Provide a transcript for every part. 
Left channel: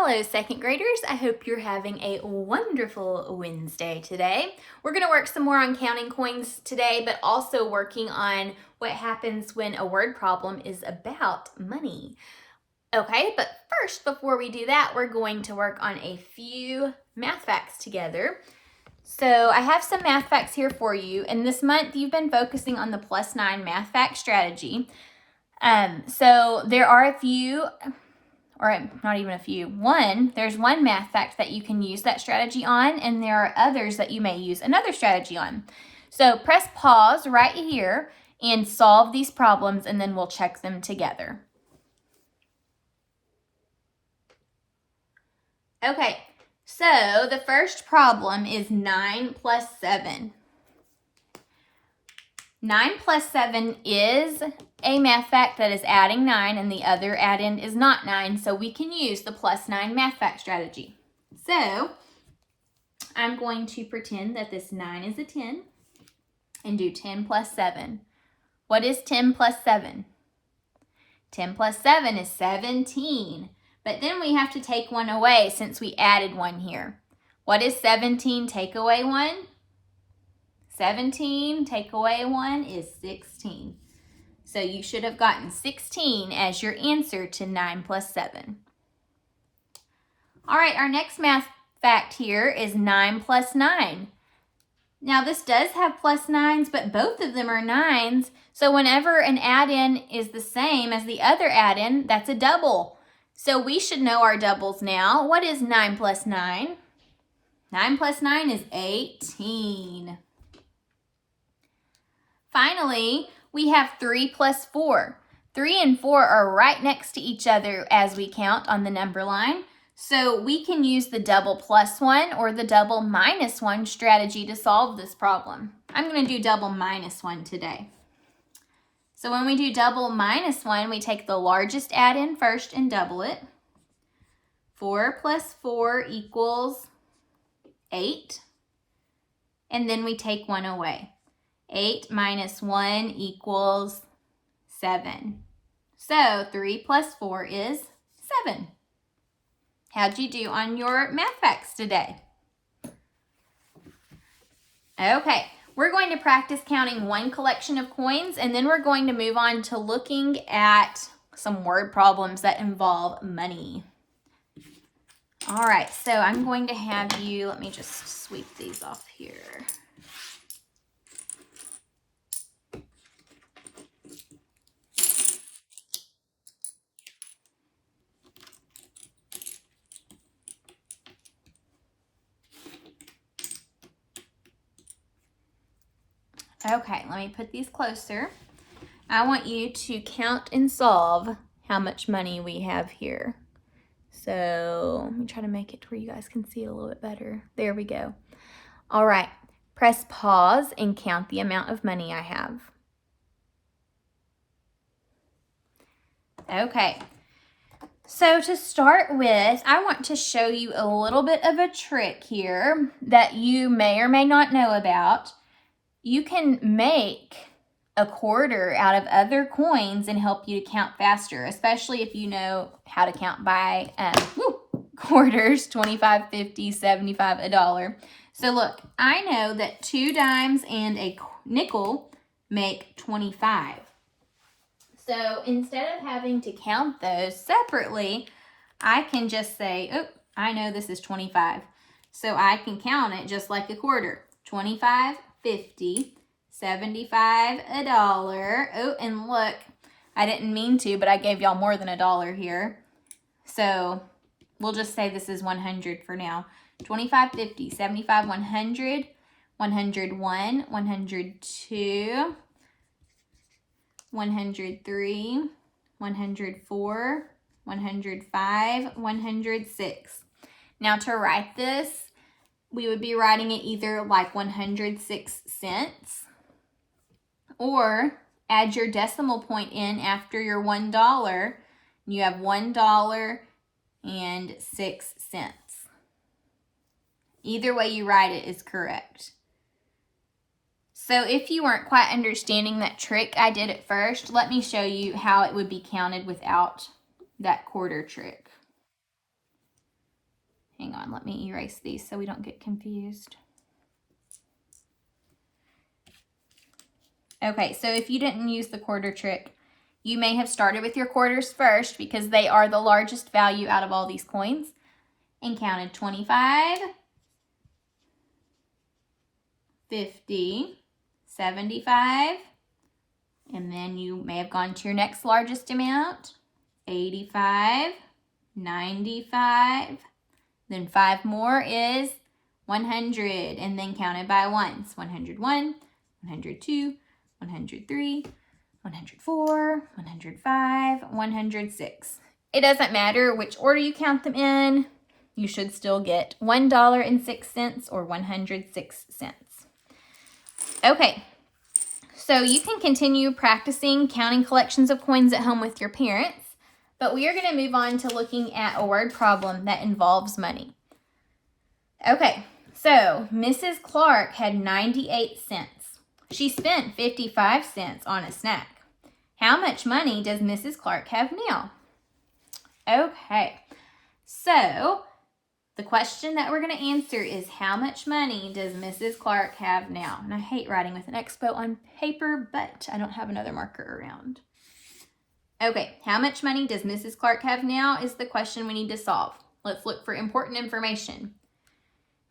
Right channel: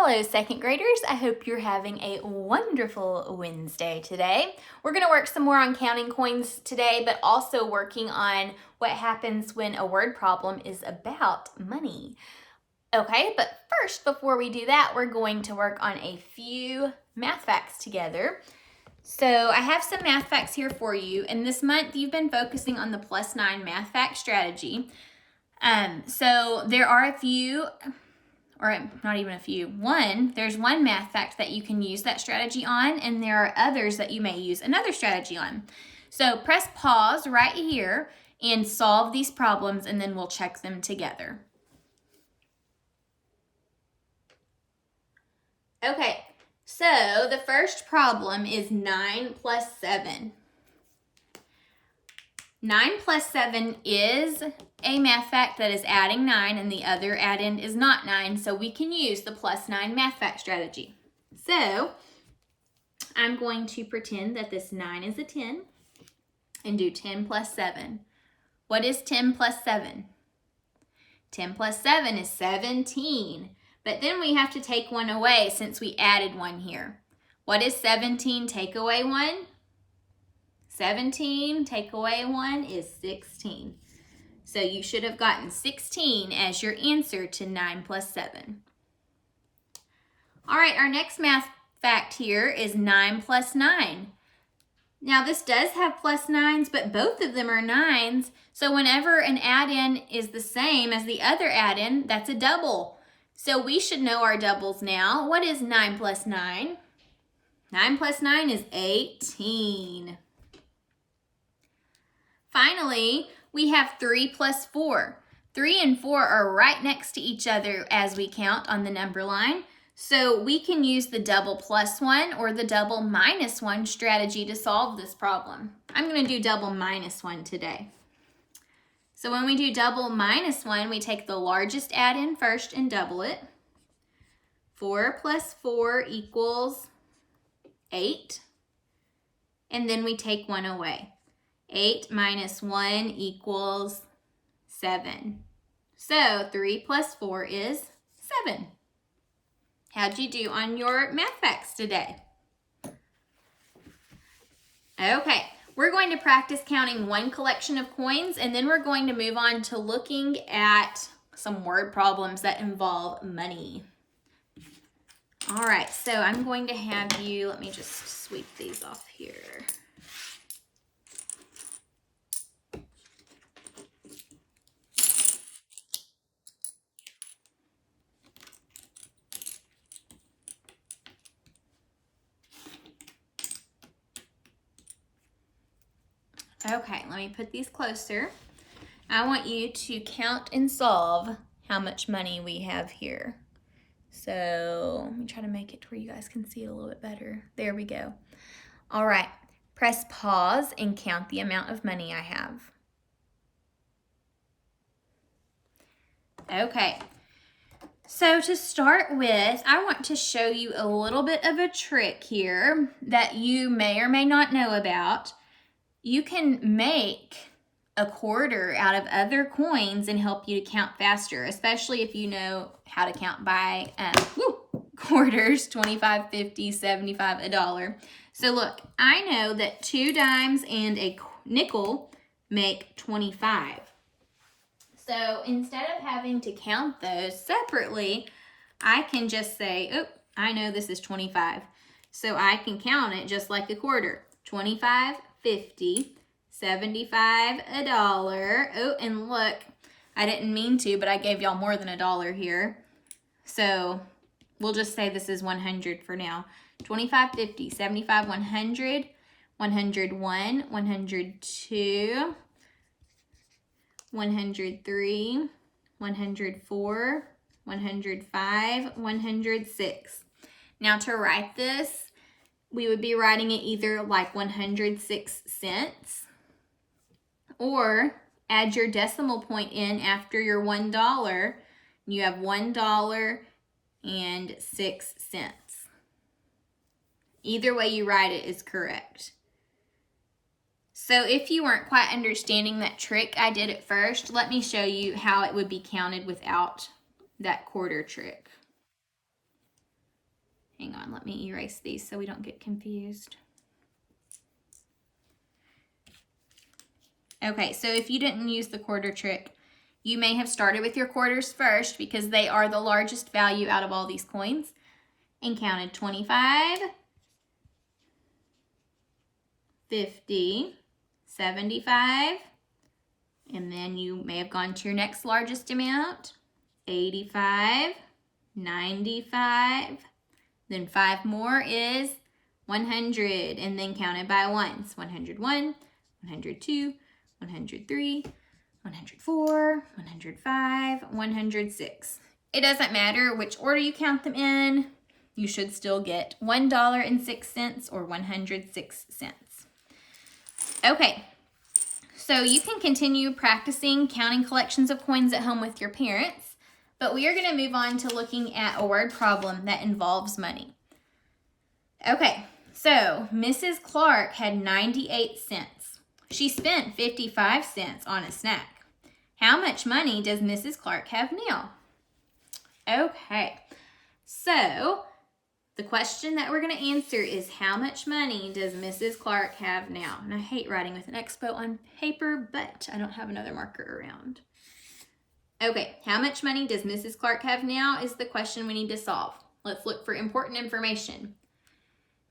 Hello, second graders. I hope you're having a wonderful Wednesday today. We're going to work some more on counting coins today, but also working on what happens when a word problem is about money. Okay, but first, before we do that, we're going to work on a few math facts together. So I have some math facts here for you, and this month you've been focusing on the +9 math fact strategy. So there are a few, or not even a few, there's one math fact that you can use that strategy on, and there are others that you may use another strategy on. So press pause right here and solve these problems, and then we'll check them together. Okay, so the first problem is 9 plus 7. 9 plus 7 is a math fact that is adding 9, and the other add-in is not 9, so we can use the +9 math fact strategy. So I'm going to pretend that this 9 is a 10 and do 10 plus 7. What is 10 plus 7? 10 plus 7 is 17, but then we have to take one away since we added one here. What is 17 take away 1? 17 take away 1 is 16. So you should have gotten 16 as your answer to 9 plus 7. All right, our next math fact here is 9 plus 9. Now this does have +9s, but both of them are 9s. So whenever an add-in is the same as the other add-in, that's a double. So we should know our doubles now. What is 9 plus 9? 9 plus 9 is 18. Finally, we have 3 plus 4. 3 and 4 are right next to each other as we count on the number line. So we can use the double +1 or the double -1 strategy to solve this problem. I'm going to do double -1 today. So when we do double -1, we take the largest add-in first and double it. 4 plus 4 equals 8. And then we take 1 away. 8 minus 1 equals 7. So 3 plus 4 is 7. How'd you do on your math facts today? Okay, we're going to practice counting one collection of coins, and then we're going to move on to looking at some word problems that involve money. All right, so I'm going to have you, let me just sweep these off here. Okay, let me put these closer. I want you to count and solve how much money we have here. So let me try to make it to where you guys can see it a little bit better. There we go. All right, press pause and count the amount of money I have. Okay, so to start with, I want to show you a little bit of a trick here that you may or may not know about. You can make a quarter out of other coins and help you to count faster, especially if you know how to count by quarters, 25, 50, 75, $1. So look, I know that 2 dimes and a nickel make 25. So instead of having to count those separately, I can just say, oh, I know this is 25. So I can count it just like a quarter. 25, 50, 75, $1. Oh, and look, I didn't mean to, but I gave y'all more than $1 here. So we'll just say this is 100 for now. 25, 50, 75, 100, 101, 102, 103, 104, 105, 106. Now to write this, we would be writing it either like 106 cents or add your decimal point in after your $1. You have $1.06. Either way you write it is correct. So if you weren't quite understanding that trick I did at first, let me show you how it would be counted without that quarter trick. hang on, let me erase these so we don't get confused. Okay, so if you didn't use the quarter trick, you may have started with your quarters first because they are the largest value out of all these coins and counted 25, 50, 75, and then you may have gone to your next largest amount, 85, 95, then 5 more is 100, and then counted by ones, 101, 102, 103, 104, 105, 106. It doesn't matter which order you count them in, you should still get $1.06 or 106 cents. Okay, so you can continue practicing counting collections of coins at home with your parents, but we are going to move on to looking at a word problem that involves money. Okay, so Mrs. Clark had 98 cents. She spent 55 cents on a snack. How much money does Mrs. Clark have now? Okay, so the question that we're going to answer is how much money does Mrs. Clark have now? And I hate writing with an expo on paper, but I don't have another marker around. Okay, how much money does Mrs. Clark have now is the question we need to solve. Let's look for important information.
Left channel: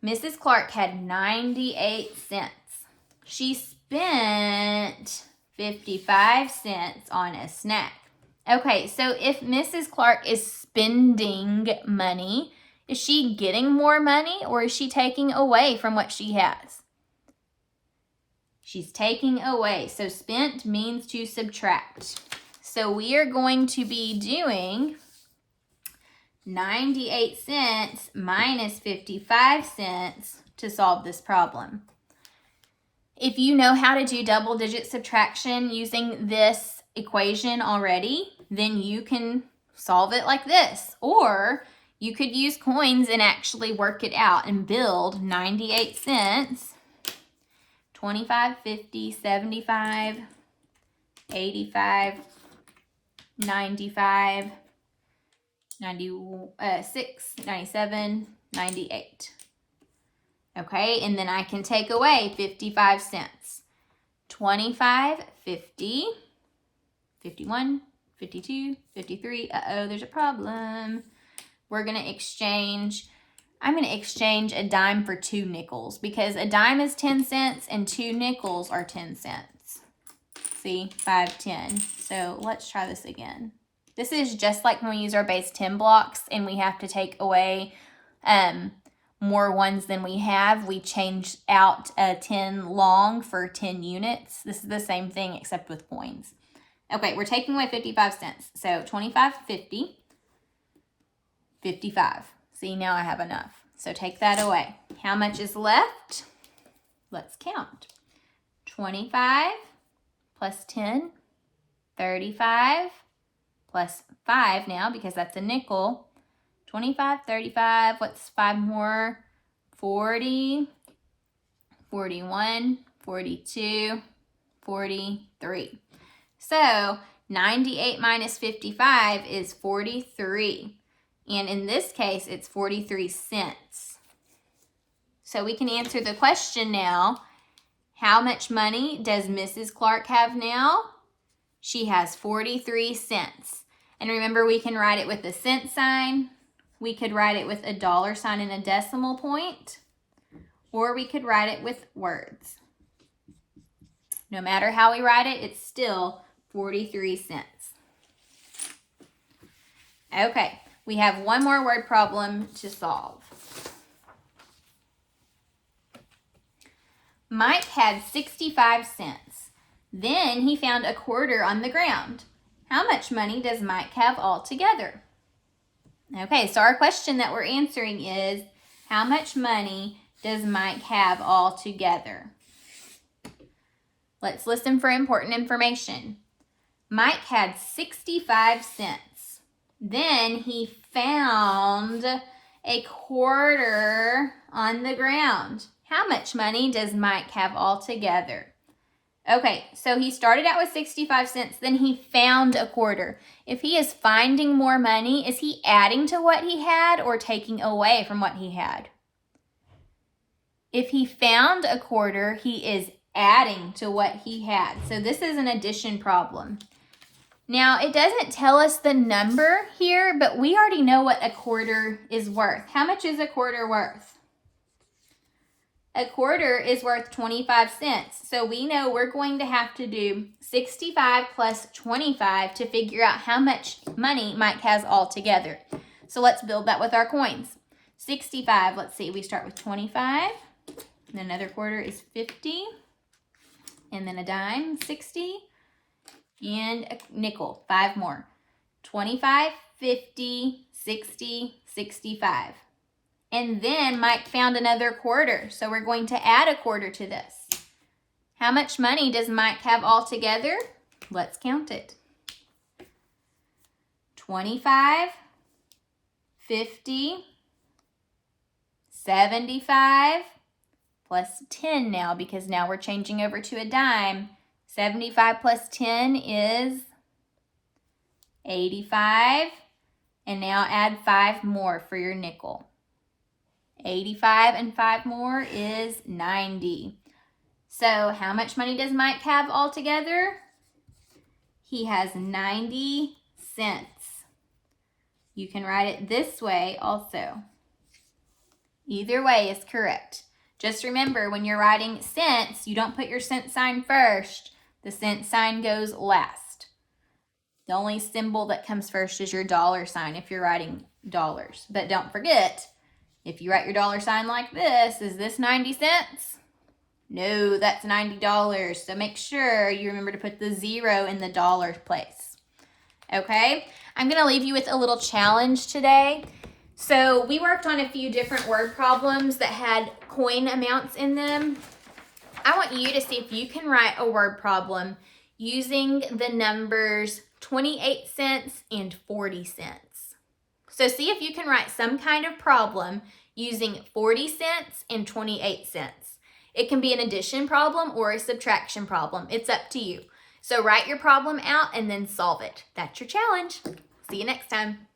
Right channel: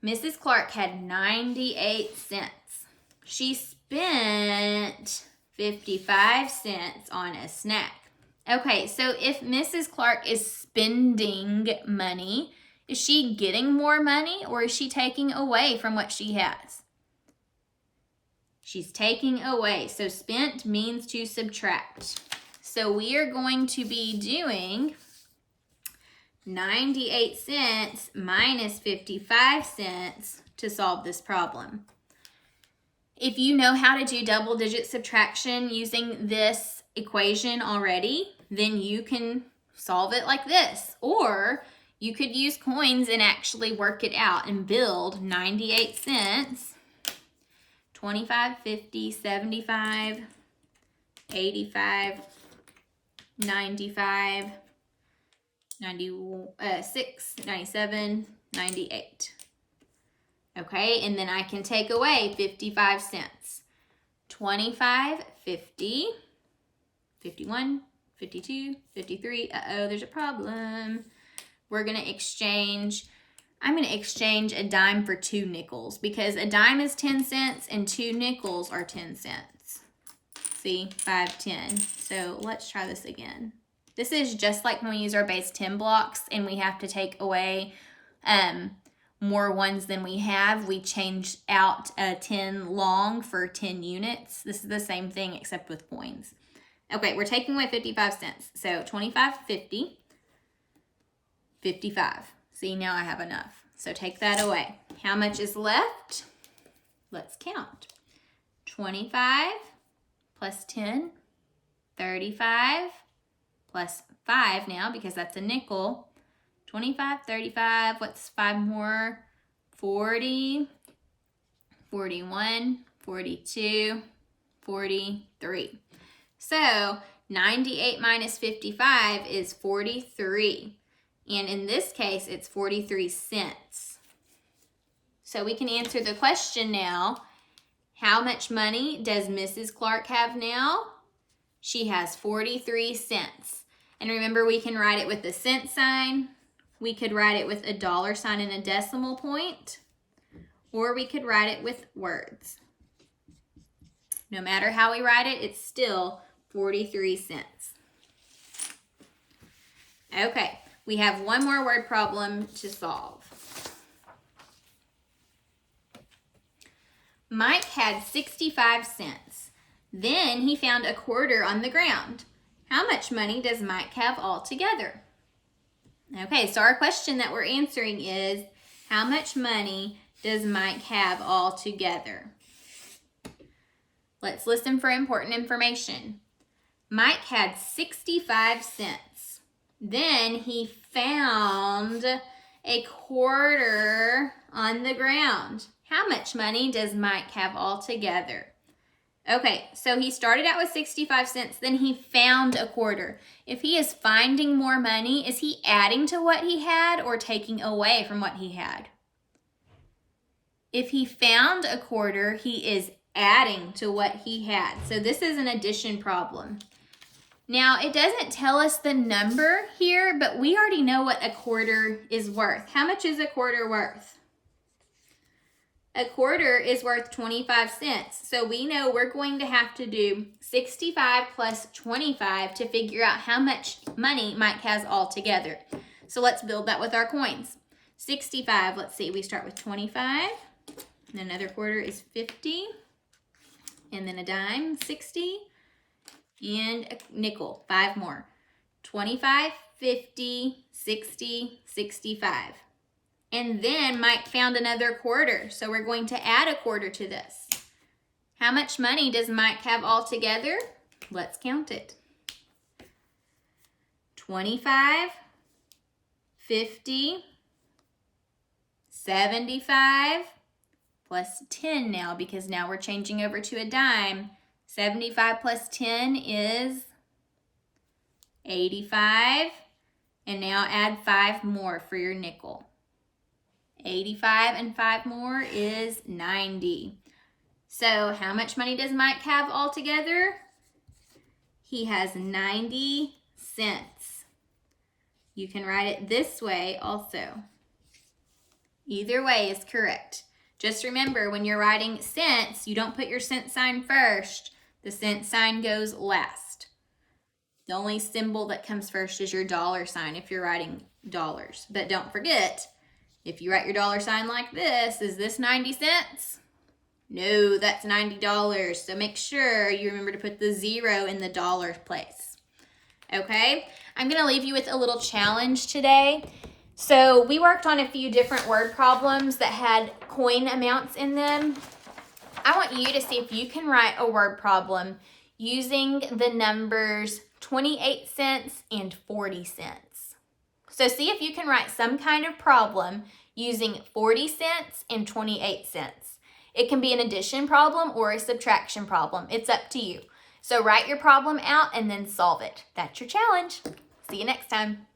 Mrs. Clark had 98 cents. She spent 55 cents on a snack. Okay, so if Mrs. Clark is spending money, is she getting more money or is she taking away from what she has? She's taking away. So spent means to subtract. So we are going to be doing 98 cents minus 55 cents to solve this problem. If you know how to do double-digit subtraction using this equation already, then you can solve it like this. Or you could use coins and actually work it out and build 98 cents, 25, 50, 75, 85, 95, 96, 97, 98. Okay, and then I can take away 55 cents. 25, 50, 51, 52, 53. Uh-oh, there's a problem. We're going to exchange, I'm going to exchange a dime for 2 nickels because a dime is 10 cents and 2 nickels are 10 cents. See, 5, 10. So let's try this again. This is just like when we use our base 10 blocks and we have to take away more ones than we have. We change out a 10 long for 10 units. This is the same thing except with coins. Okay, we're taking away 55 cents. So 25, 50. 55. See, now I have enough. So take that away. How much is left? Let's count. 25 plus 10, 35 plus 5 now because that's a nickel. 25, 35, what's 5 more? 40, 41, 42, 43. So 98 minus 55 is 43. And in this case, it's 43 cents. So we can answer the question now. How much money does Mrs. Clark have now? She has 43 cents. And remember, we can write it with a cent sign. We could write it with a dollar sign and a decimal point. Or we could write it with words. No matter how we write it, it's still 43 cents. Okay. We have one more word problem to solve. Mike had 65 cents. Then he found a quarter on the ground. How much money does Mike have altogether? Okay, so our question that we're answering is, how much money does Mike have altogether? Let's listen for important information. Mike had 65 cents. Then he found a quarter on the ground. How much money does Mike have altogether? Okay, so he started out with 65 cents, then he found a quarter. If he is finding more money, is he adding to what he had or taking away from what he had? If he found a quarter, he is adding to what he had. So this is an addition problem. Now, it doesn't tell us the number here, but we already know what a quarter is worth. How much is a quarter worth? A quarter is worth 25 cents. So we know we're going to have to do 65 plus 25 to figure out how much money Mike has altogether. So let's build that with our coins. 65, let's see, we start with 25. And another quarter is 50. And then a dime, 60. And a nickel, 5 more. 25, 50, 60, 65. And then Mike found another quarter, so we're going to add a quarter to this. How much money does Mike have altogether? Let's count it. 25, 50, 75, plus 10 now, because now we're changing over to a dime. 75 plus 10 is 85, and now add 5 more for your nickel. 85 and 5 more is 90. So how much money does Mike have altogether? He has 90 cents. You can write it this way also. Either way is correct. Just remember, when you're writing cents, you don't put your cent sign first. The cent sign goes last. The only symbol that comes first is your dollar sign if you're writing dollars. But don't forget, if you write your dollar sign like this, is this 90 cents? No, that's $90. So make sure you remember to put the 0 in the dollar place. Okay? I'm going to leave you with a little challenge today. So we worked on a few different word problems that had coin amounts in them. I want you to see if you can write a word problem using the numbers 28 cents and 40 cents. So see if you can write some kind of problem using 40 cents and 28 cents. It can be an addition problem or a subtraction problem. It's up to you. So write your problem out and then solve it. That's your challenge. See you next time.